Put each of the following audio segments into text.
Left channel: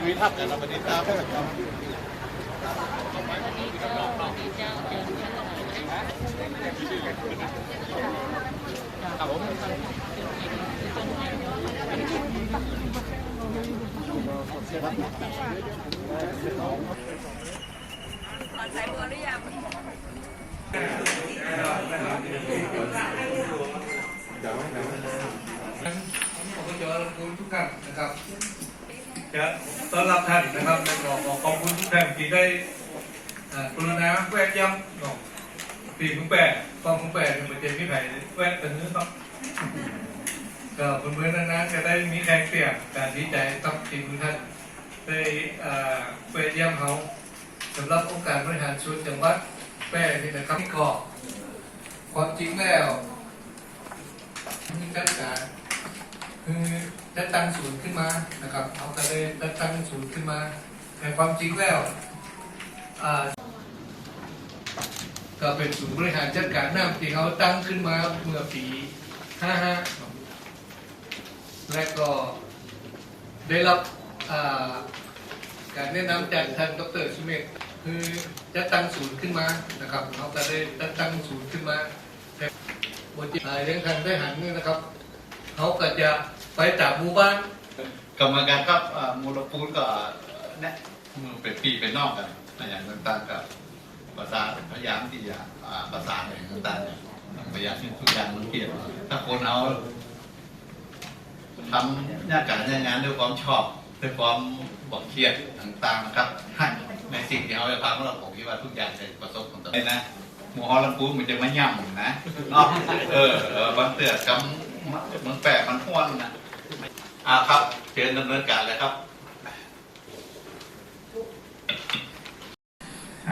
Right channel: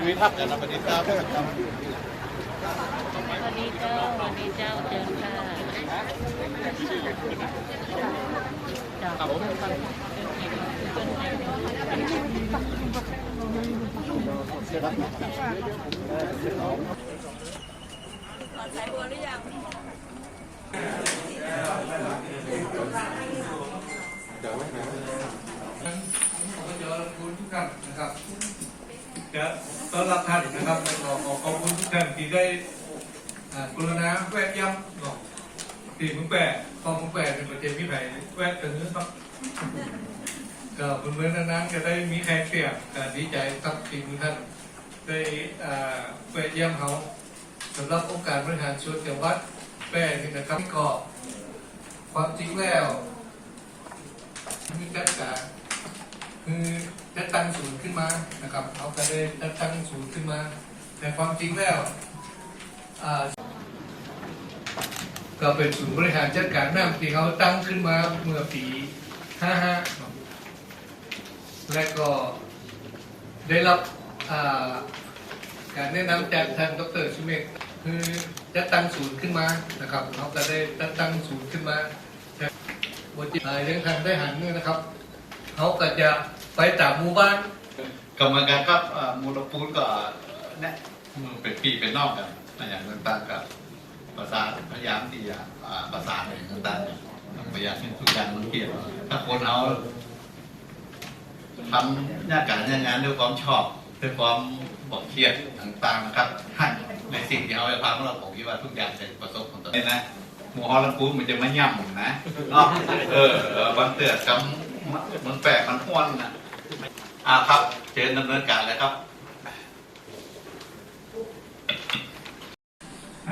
คุยทักกันแล้วไปดิครับผมใส่ตัวหรือยัง ขอบคุณทุกท่านนะครับจะต้อนรับท่านนะครับและขอขอบคุณทุกท่านที่ได้กรุณาแวะย้ำเนาะปีมุ้งแปะกองมุ้งแปะเป็นประเทศที่ไหนแวะถึงนี้ครับก็เพื่อนๆนั้นจะได้มีแรงเสียงการดีใจกับทีมท่านได้อ่าแวะเยี่ยมเขาสำหรับองค์การบริหารส่วนจังหวัดแปะนี่นะครับก็ความจริงแล้ว มีการจ่ายคือได้ตั้งศูนย์ขึ้นมานะครับเอากระเด็นได้ตั้งศูนย์ขึ้นมาแต่ความจริงแล้วก็เป็นศูนย์บริหารจัดการน้ำที่เขาตั้งขึ้นมาเมื่อปี 55 และก็ได้รับการแนะนำจากทางดรชิเมกคือจะตั้งศูนย์ขึ้นมานะครับเขาก็ได้จัดตั้งศูนย์ขึ้นมา บนจิตลายเรื่องทางได้หันด้วยนะครับ เขาก็จะไปจากหมู่บ้านกรรมการกับมูลปูนก็เนี่ยมือเป็นปีเป็นนอกกันมันอย่างต่างๆกับภาษาพยายามที่จะอ่าภาษานต่างๆพยายามที่ทุย่างมันเปลี่ยนถ้าคนเอาทำหน้าการงานด้วยความชอบด้วยความบอกเครียดต่างๆครับในสิ่งที่เขาจะฟังเราผมคิดว่าทุกอย่างจะประสบผลสำเร็จนะ หมูฮอลลัมปูนมันจะไม่ย่ำนะเนาะเออ บางเตือนกำมันแปลกมันห้วนนะอ่าครับเชิญดำเนินการเลยครับ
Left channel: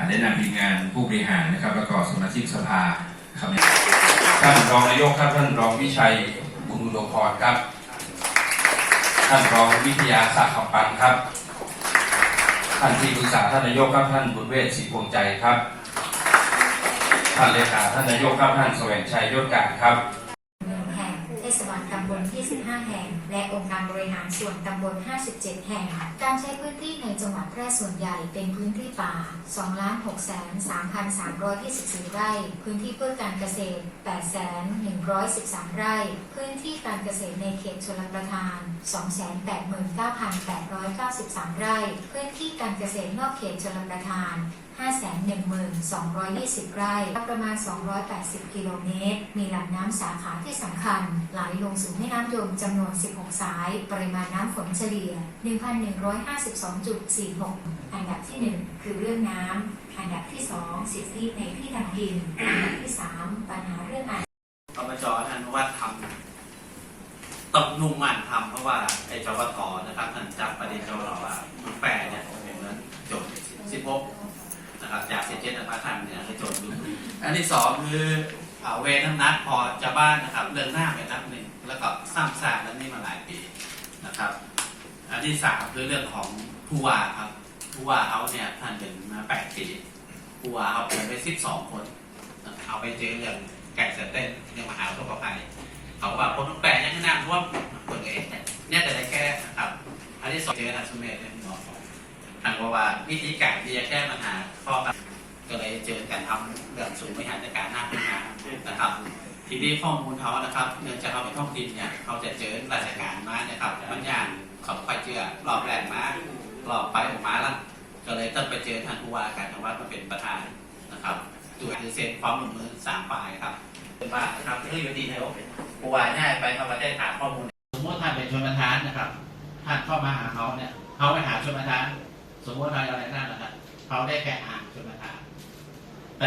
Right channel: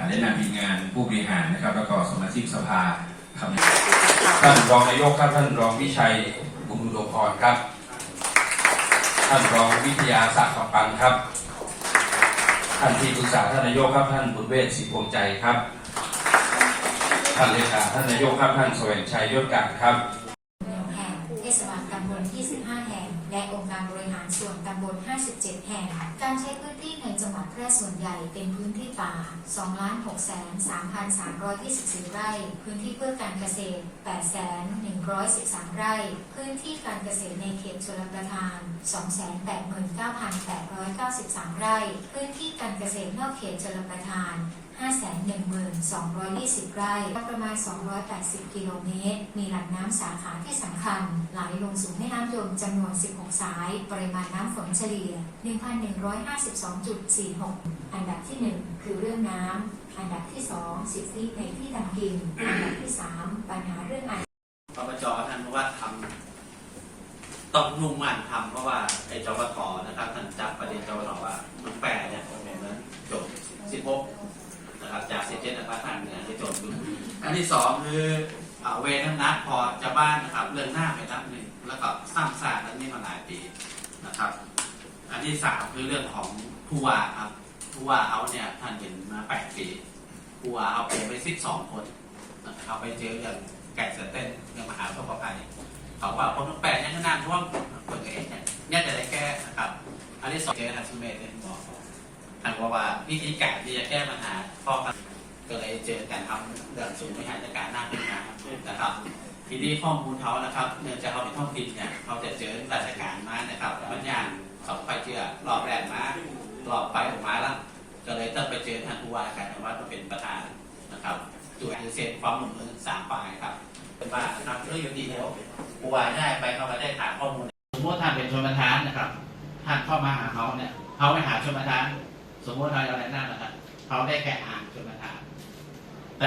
ได้นำทีมงานผู้บริหารนะครับ แล้วก็สมาชิกสภาครับท่านรองนายกครับท่านรองวิชัยบุญอุดมพรครับ ท่านรองวิทยาศักดิ์ขปันครับ ท่านที่ปรึกษาท่านนายกครับท่านบุญเวศศรีพวงใจครับานเลขาท่านนายกครับท่านแสวงชัยยศกาครับแห่งเทศบาลตำบล25 แห่ง และองค์การบริหารส่วนตำบล 57 แห่ง การใช้พื้นที่ในจังหวัดแพร่ส่วนใหญ่เป็นพื้นที่ป่า 2,603,324 ไร่ พื้นที่เพื่อการเกษตร 8,113 ไร่ พื้นที่การเกษตรในเขตชลประทาน 289,893 ไร่ พื้นที่การเกษตรนอกเขตชลประทาน 5 1,220 ไร่ ประมาณ 280 กิโลเมตร มีลำน้ำสาขาที่สำคัญ ไหลลงสู่แม่น้ำยมจำนวน 16 สาย ปริมาณน้ำฝนเฉลี่ย 1,152.46 อันดับที่ 1 คือเรื่องน้ำ อันดับที่ 2 สิทธิในที่ทำกิน อันดับที่ 3 ปัญหาเรื่องอาอบจท่านว่าทำต้องมุ่งมั่นทำเพราะว่าไอ้จปทนะครับท่านจับประเด็นเราเราว่ามันแปรเนี่ยผมนั้นจบ 16 นะครับจากเจ็ดนะครับท่านเนี่ยคือจบดูอั นที่สองคือเอาเวรนัดพอจะบ้านนะครับ เรื่องหน้าไปนัดหนึ่งแล้วก็สร้างสร้างนั้นนี่มาหลายปีนะครับ อันที่สามคือเรื่องของผู้ว่าครับผู้ว่าเขาเนี่ยท่านเป็นมาแปดปีผู้ว่าเขาเป็นไปสิบสองคนเขาไปเจออย่างแก่เสเต้นเนี่ยมหาวิทยาลัยเขาว่าคนแปดยังนาดเพราะว่าคนเอกเนี่ยเนี่ยแต่ได้แก้นะครับ อันที่สองเจออัศเมธเป็นหมอทางว่าวิธีการที่จะแก้ปัญหาข้อ ก็เลยเจอการทำเรื่องสูงบริหารจัดการหน้าขึ้นมานะครับ ทีนี้ข้อมูลเขานะครับเนื่องจากเขาเป็นท้องถิ่นเนี่ยเขาจะเจอราชการมานะครับบางอย่างเขาไปเจอรอบแรกมารอบไปออกมาแล้วก็เลยต้องไปเจอท่านผู้ว่าการจังหวัดมาเป็นประธานนะครับตัวเซ็นความร่วมมือสามฝ่ายครับว่าครับเฮ้ยวันดีเดียวผู้ว่าเนี่ยไปเข้ามาได้ถามข้อมูลสมมติท่านเป็นชนประธานนะครับท่านเข้ามาหาเขาเนี่ยเขาไปหาชนประธาน สมมติอะไรอะไรนั่นนะครับเขาได้แค่อ่านชนประธาน